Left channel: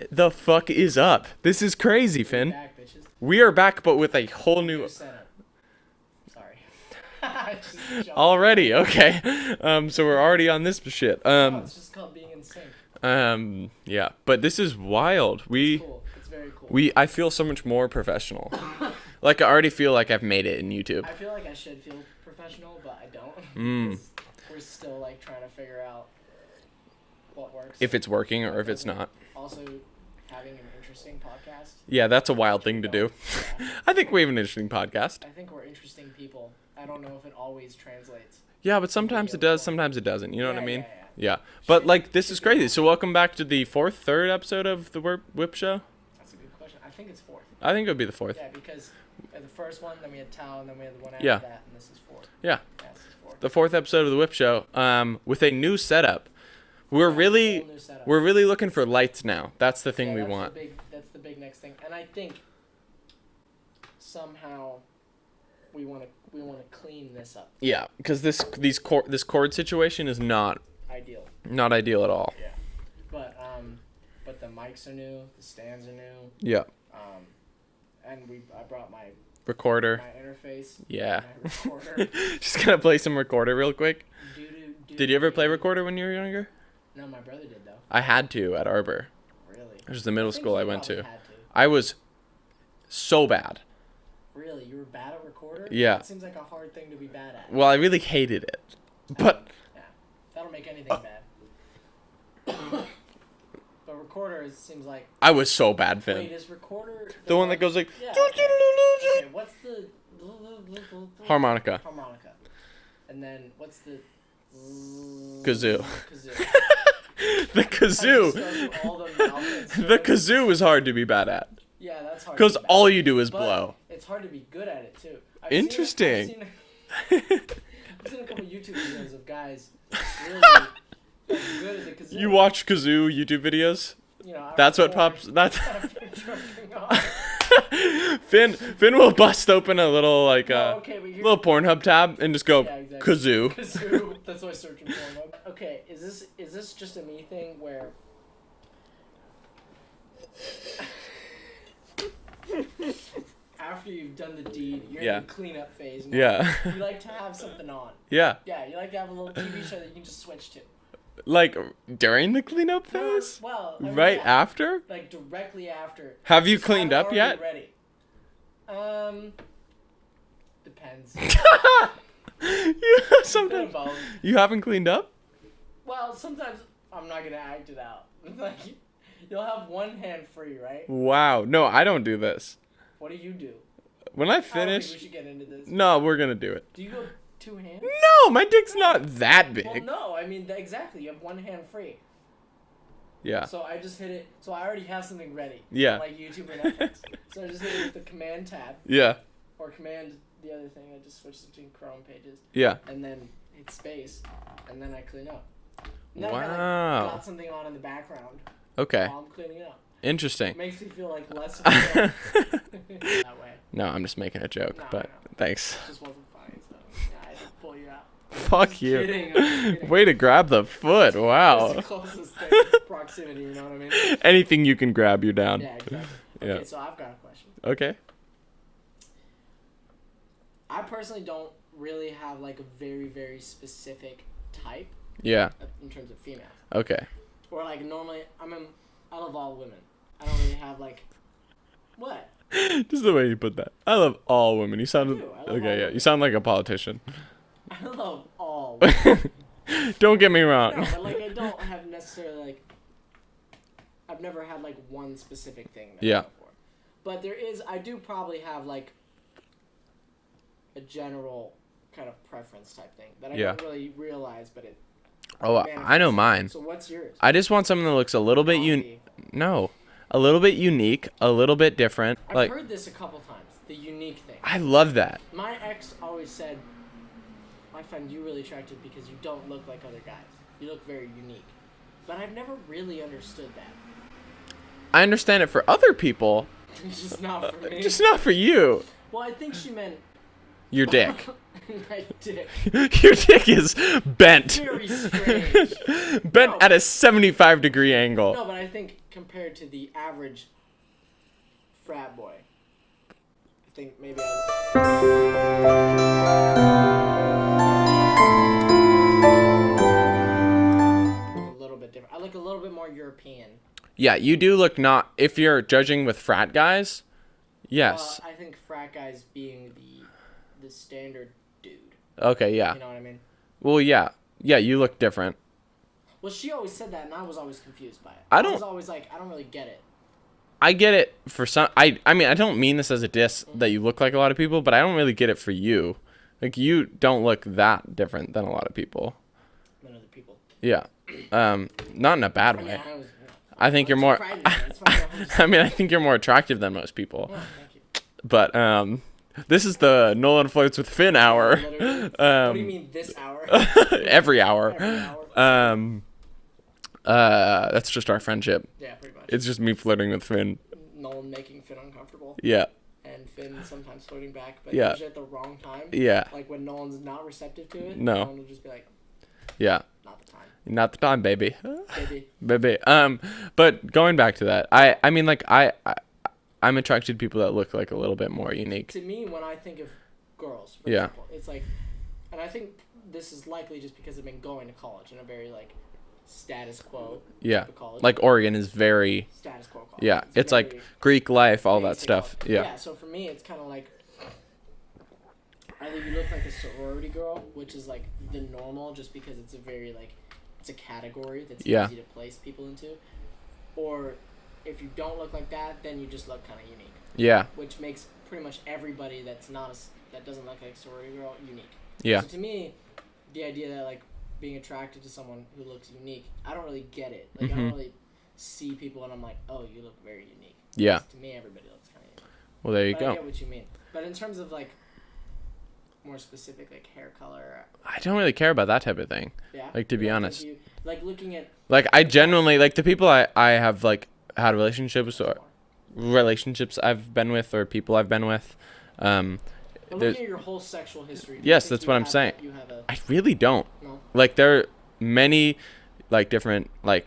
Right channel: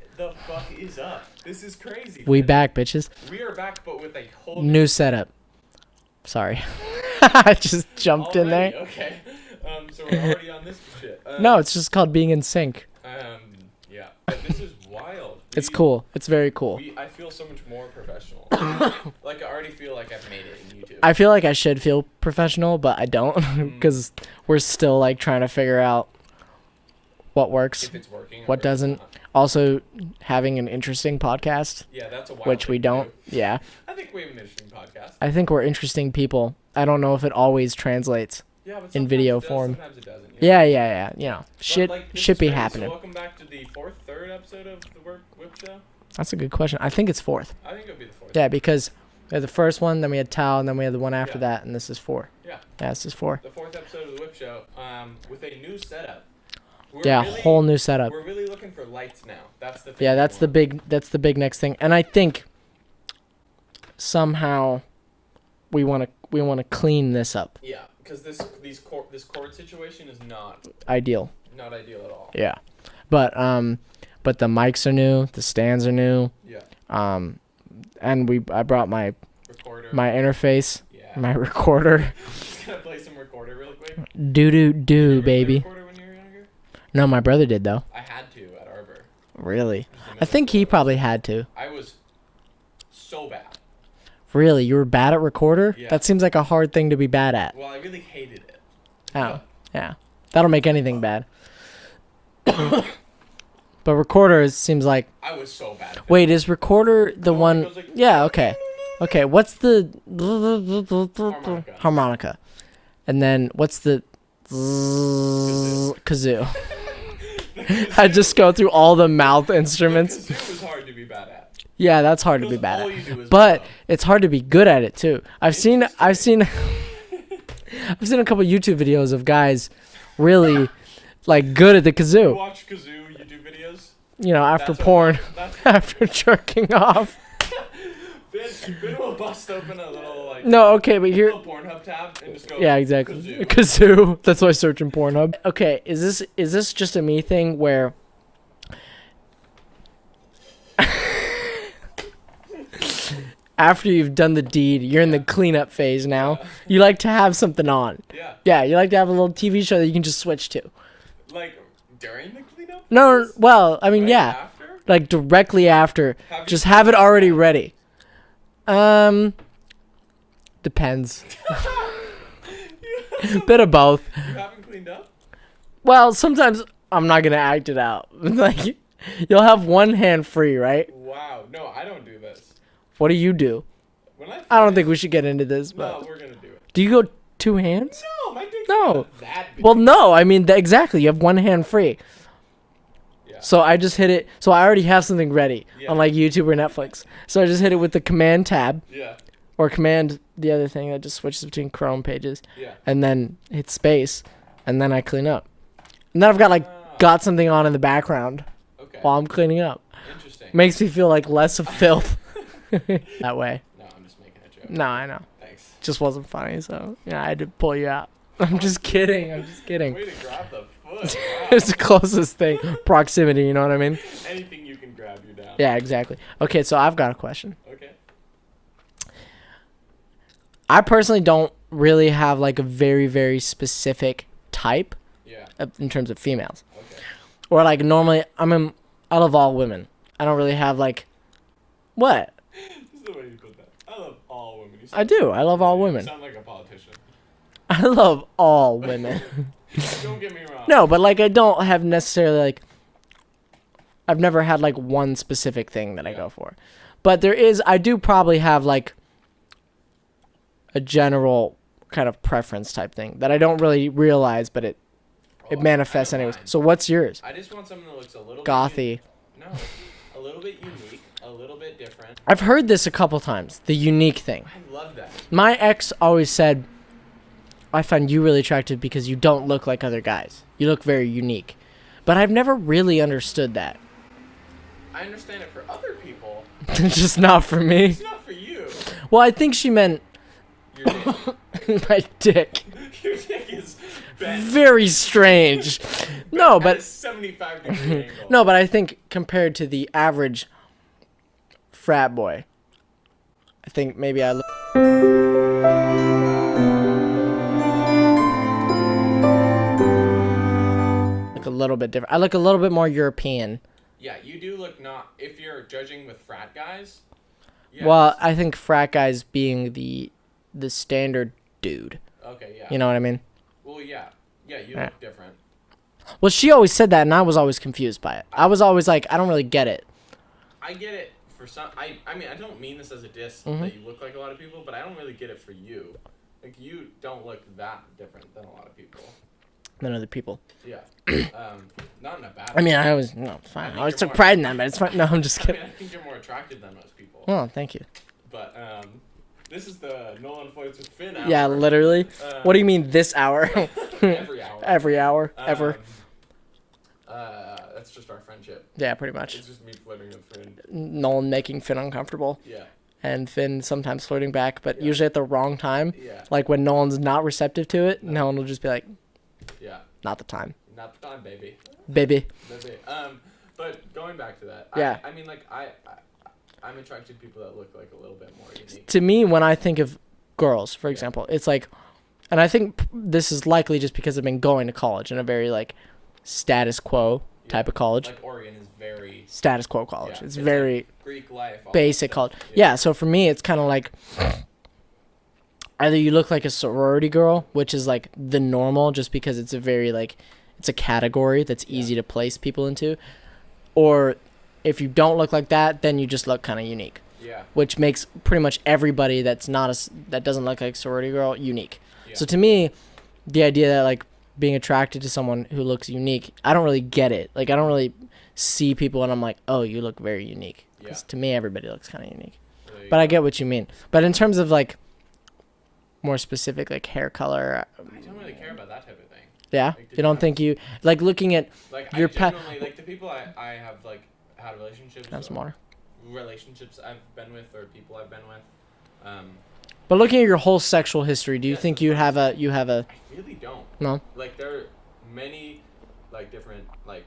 Hey. The fuck is up? This is crazy, Finn. We back, bitches. We are back, but with a whole New setup. Sorry. I just jumped already. in there. Okay. So we're already on this shit. No, it's just called being in sync. Yeah. But this is wild. It's cool. It's very cool. I feel so much more professional. Like I already feel like I've made it in YouTube. I feel like I should feel professional, but I don't because we're still like trying to figure out what works, if it's working or what if doesn't. it's not. Also, having an interesting podcast. Yeah, that's a wild which thing we don't. to do. Yeah. I think we have an interesting podcast. I think we're interesting people. I don't know if it always translates. Yeah, but sometimes video it does, form. sometimes it doesn't. You know Yeah, what I mean? yeah. But Shit- like this shit is be crazy. So happening. welcome back to the third episode of the Whip Show. That's a good question. I think it's fourth. I think it would be the fourth. Yeah, because we had the first one, then we had Tao, and then we had the one after Yeah. that, and this is four. Yeah. Yeah, this is four. The fourth episode of the Whip Show. With a new setup. We're Yeah, really whole new setup. We're really looking for lights now. That's the thing. Yeah, we that's want. the big next thing. And I think somehow we want to clean this up. Yeah, because this cord situation is not Ideal. ideal at all. Yeah. But the mics are new, the stands are new. Yeah. And I brought my Recorder. interface, Yeah. my recorder. Just gonna play some recorder real quick. Do Did you ever play baby. recorder when you were younger? No, my brother did though. I had to at Arbor. Really? Which is the I middle think school he went probably to. had to. I was so bad. Really? You were bad at recorder? Yeah. That seems like a hard thing to be bad at. Well, I really hated it. Oh, But yeah. That'll make anything bad. But recorder seems like... I was so bad. Finn. Wait, is recorder the one one... that goes like... Yeah, okay. Okay, what's the... Harmonica. Harmonica. And then what's the... Kazoo. Kazoo. The kazoo. I just go through all the mouth The instruments. kazoo is hard to be bad at. Yeah, that's hard to be Because bad all at. you do is But blow. it's hard to be good at it too. I've seen I've seen a couple YouTube videos of guys really like good at the You kazoo. watch kazoo YouTube videos? You know, after That's what porn, that's after jerking off. Finn will bust open a little like No, okay, but here, little Pornhub tab and just go yeah, exactly. kazoo. Kazoo. That's why I search in Pornhub. Okay, is this just a me thing where? After you've done the deed, you're in the Yeah. cleanup phase now. Yeah. You like to have something on. Yeah. Yeah, you like to have a little TV show that you can just switch to. Like during the cleanup No, phase? well, I mean, Right yeah, after? like directly after. Have you just have it cleaned up already yet? ready? Depends. Bit of both. You haven't cleaned up? Well, sometimes I'm not gonna act it out. Like, you'll have one hand free, right? Wow. No, I don't do this. What do you do? When I finish, I don't think we should get into this. No, but- we're gonna do it. Do you go two hands? No, my dick's No. not that big. Well, no. I mean, exactly. You have one hand free. Yeah. So I just hit it. So I already have something ready. Yeah. On like YouTube or Netflix. So I just hit it with the command tab Yeah. or command the other thing that just switches between Chrome pages. Yeah. And then hit space, and then I clean up. And then I've Wow. got something on in the background Okay. while I'm cleaning up. Interesting. Makes me feel like less of filth that way. No, I'm just making a joke. No, but I know. Thanks. Just wasn't funny, so yeah, I had to pull you out. I'm Fuck just you. kidding. I'm just kidding. Way to grab the foot. Wow. It's the closest thing. Proximity, you know what I mean? Anything you can grab, you're down. Yeah, exactly. Okay, Yeah. so I've got a question. Okay. I personally don't really have like a very, very specific type Yeah. in terms of females. Okay. Or like normally, I love all women. I don't really have like, what? Just the way you put that. I love all women. You sound. do. I love all You women. sound like a politician. I love all women. Don't get me wrong. No, but like I don't have necessarily like, I've never had like one specific thing that I Yeah. go for. But I do probably have like a general kind of preference type thing that I don't really realize, but it manifests. I know in it. mine. So what's yours? I just want something that looks a little bit Gothy. No, a little bit unique, a little bit different. I've Like, heard this a couple times. The unique thing. I love that. My ex always said, I find you really attractive because you don't look like other guys. You look very unique. But I've never really understood that. I understand it for other people. Just not for me. It's not for you. Well, I think she meant Your dick. My dick. Your dick is bent. Very strange. Bent No, at a but 75-degree angle. no, but I think compared to the average frat boy, I think maybe I look a little bit different. I look a little bit more European. Yeah, you do look not. If you're judging with frat guys, yes. Well, I think frat guys being the standard dude. Okay, yeah. You know what I mean? Well, yeah. Yeah, you look different. Well, she always said that, and I was always confused by it. I was always like, I don't really get it. I get it for some. I mean, I don't mean this as a diss Mm-hmm. that you look like a lot of people, but I don't really get it for you. Like, you don't look that different than a lot of people. Than other people. Yeah. Not in a bad way. I mean, I always no. Fine. I think you're took more- pride in that, but it's fine. No, I'm just. I mean, I think you're more attractive than most people. Oh, thank you. But this is the Nolan Flirts with Finn hour. Yeah, literally. What do you mean this hour? Every hour. Every hour. Ever. That's just our friendship. Yeah, pretty much. It's just me flirting with Finn. Nolan making Finn uncomfortable, Yeah. and Finn sometimes flirting back, but Yeah. usually at the wrong time. Yeah. Like when Nolan's not receptive to it, No. Nolan will just be like, Yeah. "Not the time, Not the time, baby. baby." Baby. But going back to that, Yeah. I mean, like, I'm attracted to people that look like a little bit more unique. To me, when I think of girls, for Yeah. example, it's like, and I think this is likely just because I've been going to college in a very like status quo Yeah. type of college. Like Oregon is very, status quo college. yeah, it's it's very like Greek life, all basic that college. stuff. Yeah. So for me, it's kind of like either you look like a sorority girl, which is like the normal, just because it's a very like it's a category that's Yeah. easy to place people into, or if you don't look like that, then you just look kind of unique, Yeah. which makes pretty much everybody that's not that doesn't look like sorority girl unique. Yeah. So to me, the idea that like being attracted to someone who looks unique, I don't really get it. Like I don't really see people and I'm like, oh, you look very unique. Yeah. 'Cause to me, everybody looks kind of unique. Well, there you But go. I get what you mean. But in terms of like more specific, like hair color, I don't really care about that type of thing. yeah, Like, to you be don't honest. think you like looking at Like, I Your pa- genuinely, like, the people I have, like, had relationships that's or more. relationships I've been with or people I've been with, But looking at your whole sexual history, do you Yes, think that's you what I'm have saying. you have a I really don't. no? Like, there are many, like, different, like,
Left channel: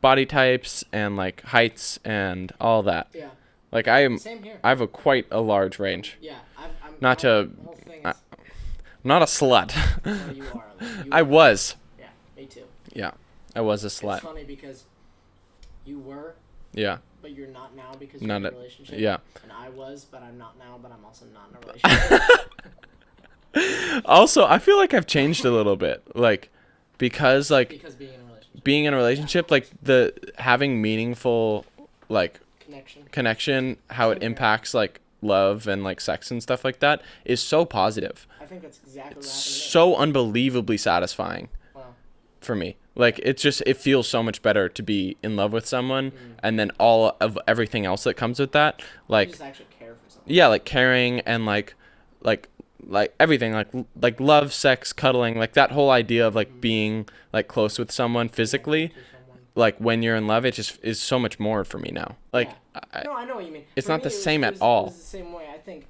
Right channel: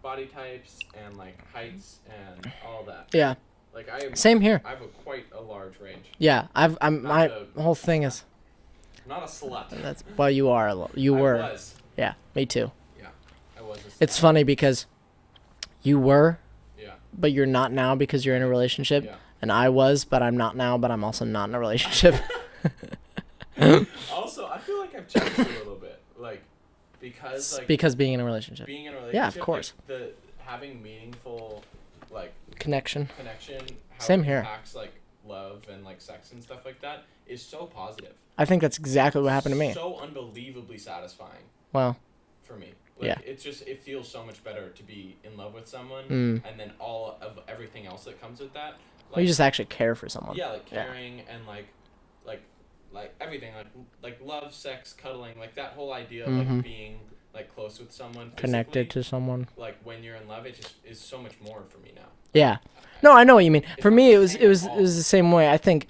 body types and, like, heights and all that. Yeah, Like, I same here. have quite a large range. Yeah, I'm Not my to- whole thing is I'm not a slut. well, you are you I were. was. Yeah, me too. Yeah. I was a slut. It's funny because you were, Yeah. but you're not now because you're in a Not- relationship. Yeah. And I was, but I'm not now, but I'm also not in a relationship. Also, I feel like I've changed a little bit. Like, because, like, because being in a relationship. being in a relationship, like, course. the having meaningful, like, Connection. connection, how Same it here. impacts, like, love and, like, sex and stuff like that is so positive. I think that's exactly what happened to me. So unbelievably satisfying Well, for me. Like, Yeah. it's just, it feels so much better to be in love with someone and then all of everything else that comes with that. Like, you just actually care for someone. yeah, like caring and like everything, like love, sex, cuddling, like that whole idea of like being like close with someone physically. Connected to someone. Like when you're in love, it just is so much more for me now. Like, Yeah. No, I know what you mean. it's For not me, the it was same it at was it all. was the same way. I think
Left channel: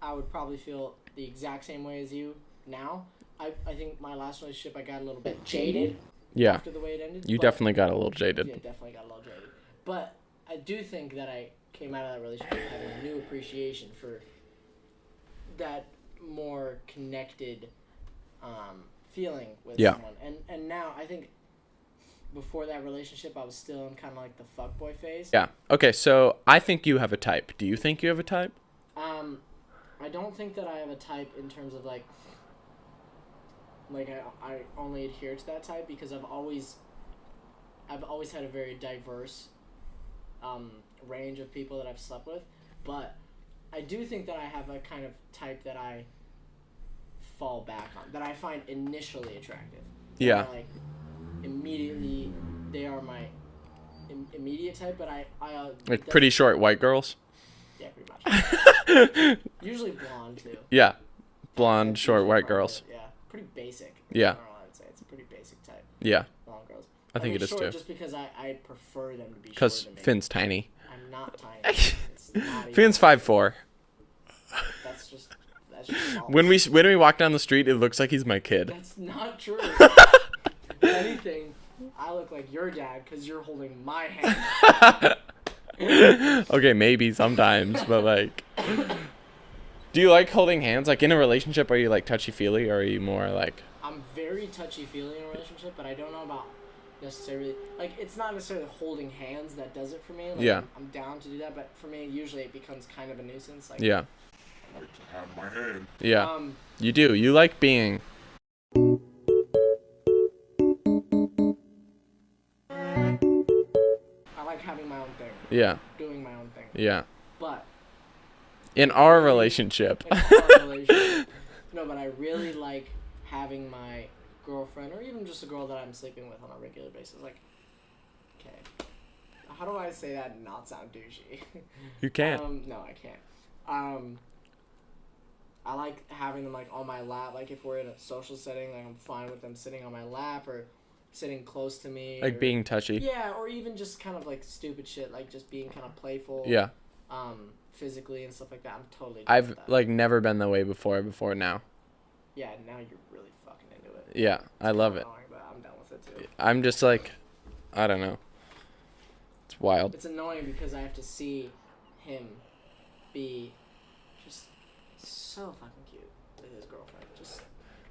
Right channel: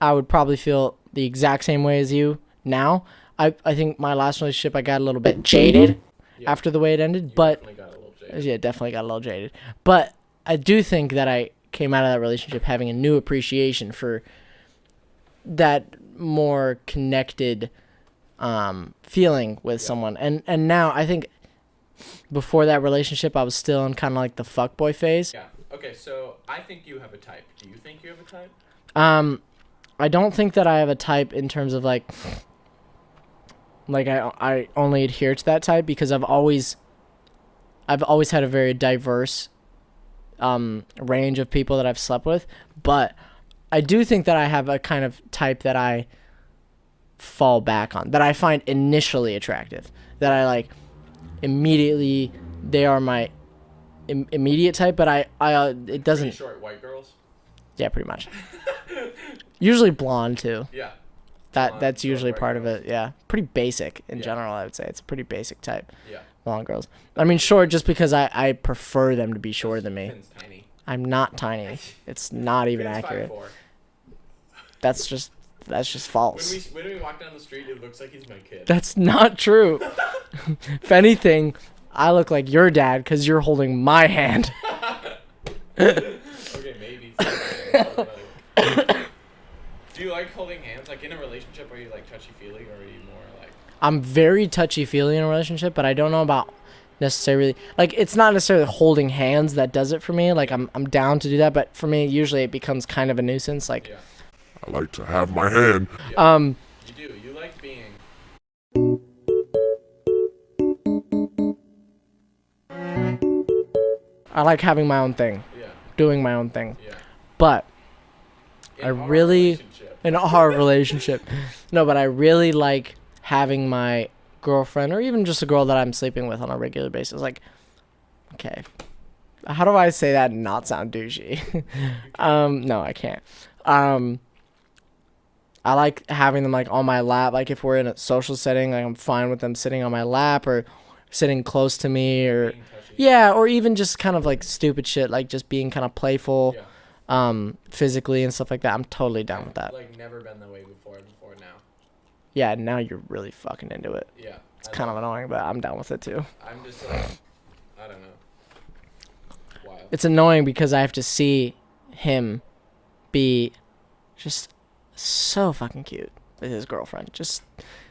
I would probably feel the exact same way as you now. I think my last relationship, I got a little bit jaded Yeah. after the way it ended. You but definitely got a little jaded. yeah, definitely got a little jaded. But I do think that I came out of that relationship having a new appreciation for that more connected feeling with Yeah. someone. And now I think before that relationship, I was still in kind of like the fuckboy phase. Yeah. Okay, so I think you have a type. Do you think you have a type? I don't think that I have a type in terms of like I only adhere to that type because I've always had a very diverse range of people that I've slept with, but I do think that I have a kind of type that I fall back on, that I find initially attractive, that Yeah. I like immediately. They are my immediate type, but it Like doesn't. pretty short white girls? Yeah, pretty much. Usually blonde too. Yeah. Blonde, That's short usually white part girls. of it. Yeah, pretty basic in Yeah. general. I would say it's a pretty basic type. Yeah. Blonde girls. I I mean, think it is short too. just because I prefer them to be 'Cause shorter than me. Finn's tiny. I'm not tiny. It's not even. Finn's accurate. 5'4". That's just just false. When we walk down the street, it looks like he's my kid. That's not true. If anything, I look like your dad because you're holding my hand. Okay, maybe sometimes, but like, do you like holding hands? Like in a relationship, are you like touchy-feely, or are you more like? I'm very touchy-feely in a relationship, but I don't know about necessarily, like, it's not necessarily holding hands that does it for me. Like, Yeah. I'm down to do that, but for me, usually it becomes kind of a nuisance. Like, Yeah. I like to have my hand. Yeah. You do. You like being. I like having my own thing, Yeah. doing my own thing. Yeah. But In I our really- relationship. in our relationship, no, but I really like having my girlfriend or even just a girl that I'm sleeping with on a regular basis. Like, okay, how do I say that and not sound douchey? You can't. No, I can't. I like having them like on my lap. Like if we're in a social setting, like I'm fine with them sitting on my lap or sitting close to me, Like or being touchy. yeah, or even just kind of like stupid shit, like just being kind of playful, Yeah. physically and stuff like that. I'm totally down with I've that. like never been that way before now. Yeah, now you're really fucking into it. Yeah. It's I kind love of it. annoying, but I'm down with it too. I'm just like, I don't know. It's wild. It's annoying because I have to see him be just so fucking cute with his girlfriend.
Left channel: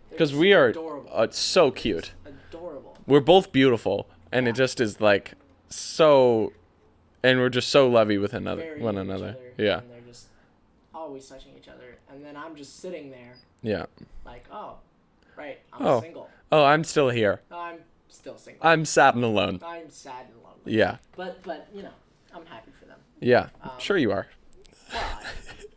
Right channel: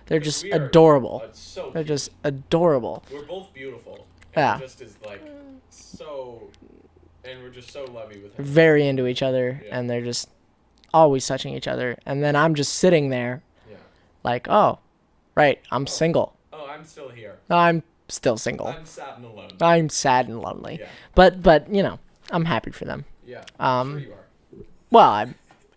They're 'Cause just we are adorable. Oh, it's so They're cute. just adorable. We're both beautiful, and Yeah. it just is like so, and we're just so lovey with another. Very one into each another. other, Yeah. and they're just always touching each other. And then I'm just sitting there Yeah. like, oh, right, I'm Oh. single. Oh, I'm still here. I'm still single. I'm sad and alone. I'm sad and lonely. Yeah. But you know, I'm happy for them. Yeah. Um, Sure you are. Well, I'm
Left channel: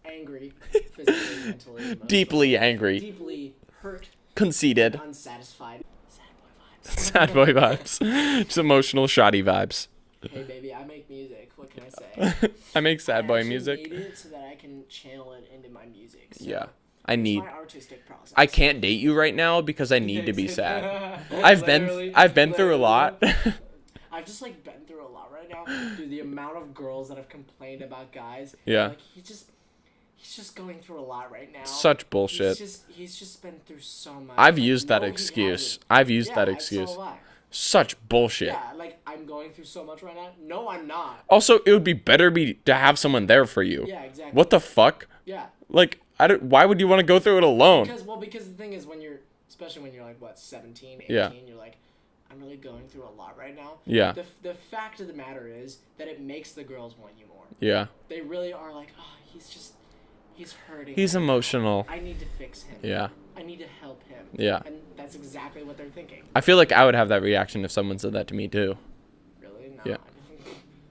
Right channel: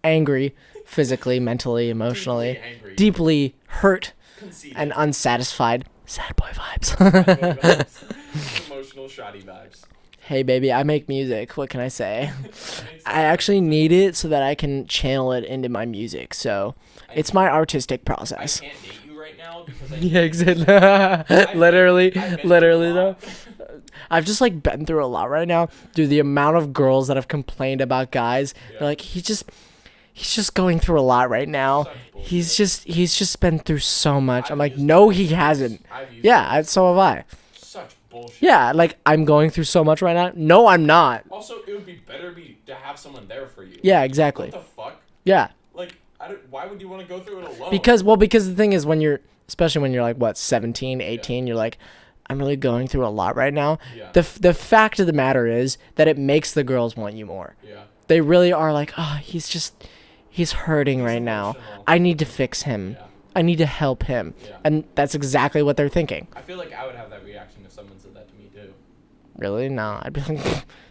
angry, physically, mentally, emotionally, Deeply angry. deeply hurt Conceited. and unsatisfied. Sad boy vibes. Sad boy vibes. It's emotional shoddy vibes. Hey baby, I make music. What can I say? I make sad I boy actually music. need it so that I can channel it into my music. So it's need- my artistic process. I can't date you right now because I need Yeah, to be sad. literally, I've been literally through a lot. though. I've just like been through a lot right now. Dude, the amount of girls that have complained about guys. Yeah. Like he's just going through a lot right now. Such bullshit. He's just been through so much. I've I'm like, used no, that he excuse. hasn't. I've used Yeah, that so excuse. have I. Such bullshit. Yeah, like I'm going through so much right now. No, I'm not. Also, it would be better to have someone there for you. Yeah, exactly. What the fuck? Yeah. Like, why would you want to go through it alone? Because the thing is especially when you're like what 17, 18, you're like, I'm really going through a lot right now. Yeah. The fact of the matter is that it makes the girls want you more. Yeah. They really are like, oh, he's hurting He's right now. emotional. I need to fix him. Yeah. I need to help him. Yeah. And that's exactly what they're thinking. I feel like I would have that reaction if someone said that to me too. Really? No, Yeah. I'd be like,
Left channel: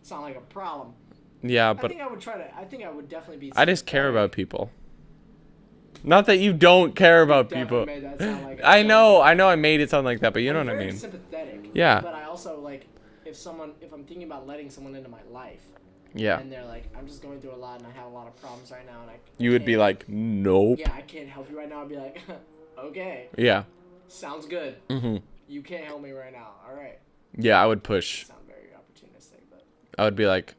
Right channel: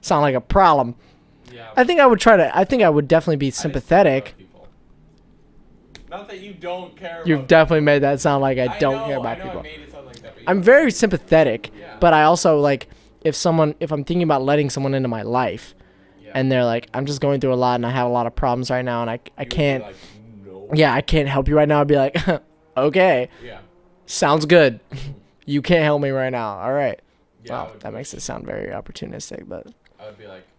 sound like a problem. Yeah. But I think I would definitely be I just care sympathetic. about people. Not that you don't care about You've definitely people. made that sound like I don't care know. about I know. I people. made it sound like that, but you know I'm what I very mean. sympathetic. Yeah. But I also like if I'm thinking about letting someone into my life Yeah. and they're like, I'm just going through a lot and I have a lot of problems right now and I you can't. would be like, no. Yeah, I can't help you right now. I'd be like, okay, Yeah. sounds good. hmm You can't help me right now. All right. Yeah. I would That makes push. it sound very opportunistic, but I would be like,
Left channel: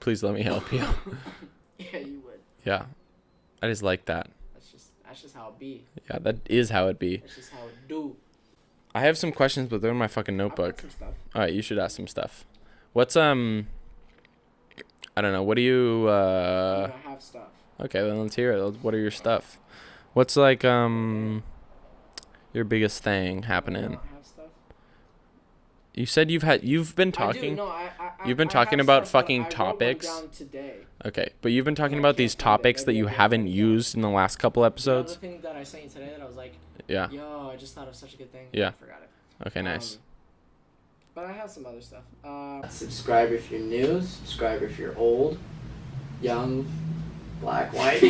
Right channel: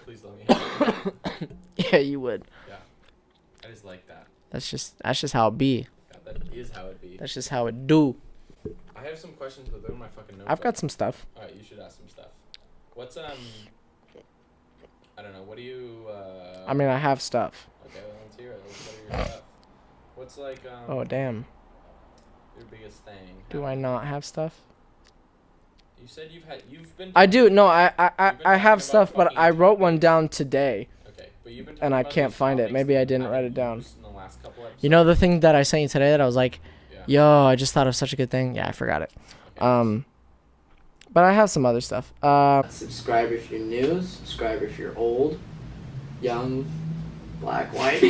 please let me help you. yeah, you would. Yeah. I just like that. That's just how it be. Yeah, that is how it be. That's just how it do. I have some questions, but they're in my fucking notebook. I've got some stuff. All right, you should ask some stuff. What's I don't know. What do you? I mean, I have stuff. Okay, then let's hear it. What are your stuff? What's like Oh damn. your biggest thing happening? Do I not have stuff? You said you've been. I Talking, do. No, I You've been I talking have about stuff, but fucking I wrote one topics. down today. Okay, but you've been And talking I about can't these find it. topics Maybe I that you didn't haven't write it down. used in the last couple episodes. You know the thing that I sent you today that I was like, Yeah. yo, I just thought of such a good thing. Yeah, Yeah. I forgot it. Okay. Nice. But I have some other stuff. Subscribe if you're new. Subscribe if you're old, young, black, white.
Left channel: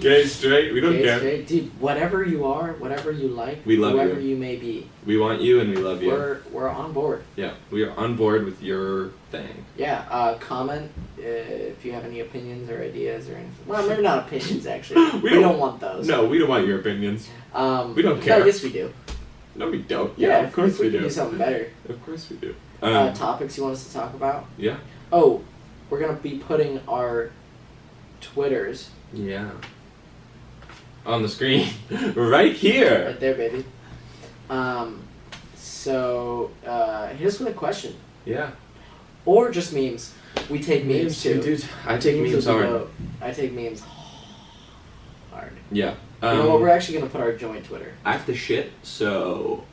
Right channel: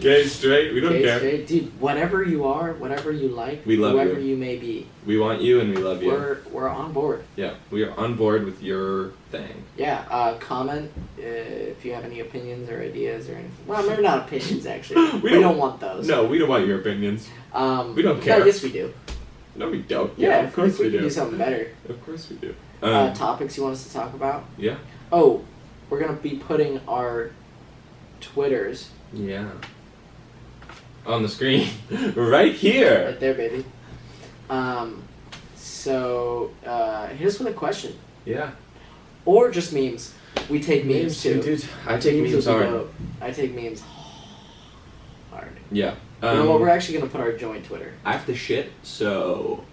Gay, straight, we don't Gay, care. straight. Dude, whatever you are, whatever you like, We love whoever you. you may be, We want you and we love you. we're on board. Yeah, we are on board with your thing. Yeah, comment if you have any opinions or ideas or anything. Well, maybe not opinions, actually. We we don't- don't want those. No, we don't want your opinions. We don't No, care. yes, we do. No, we don't. Yeah, Yeah, of course if we we can do. do something better. Of course we do. Topics you want us to talk about? Yeah. Oh, we're going to be putting our Twitters Yeah. on the screen, right here. Right there, baby. So hit us with a question. Yeah. Or just memes. We take memes too. Dude, I take memes is the hard. vote. I take memes hard. Yeah. You know what? We're actually gonna put our joint Twitter. I have to shit, so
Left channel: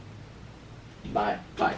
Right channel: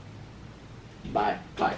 Bye. bye.